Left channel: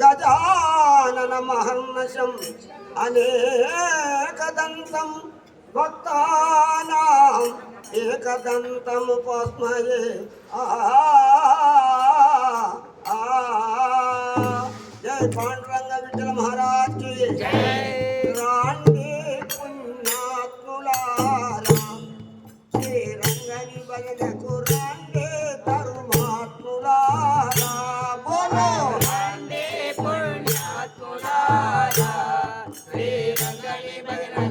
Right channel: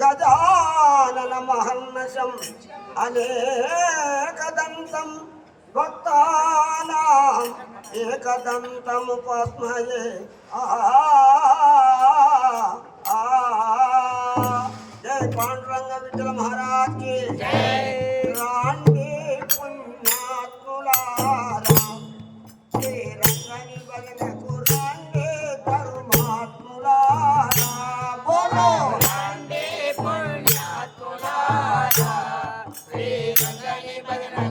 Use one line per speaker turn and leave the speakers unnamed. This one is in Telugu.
గజానన మహర్నశం అనేకదంతం భక్తానాం ఏకదంతముపస్మయే. ఆ జయ
పాండ. Jai Bajrang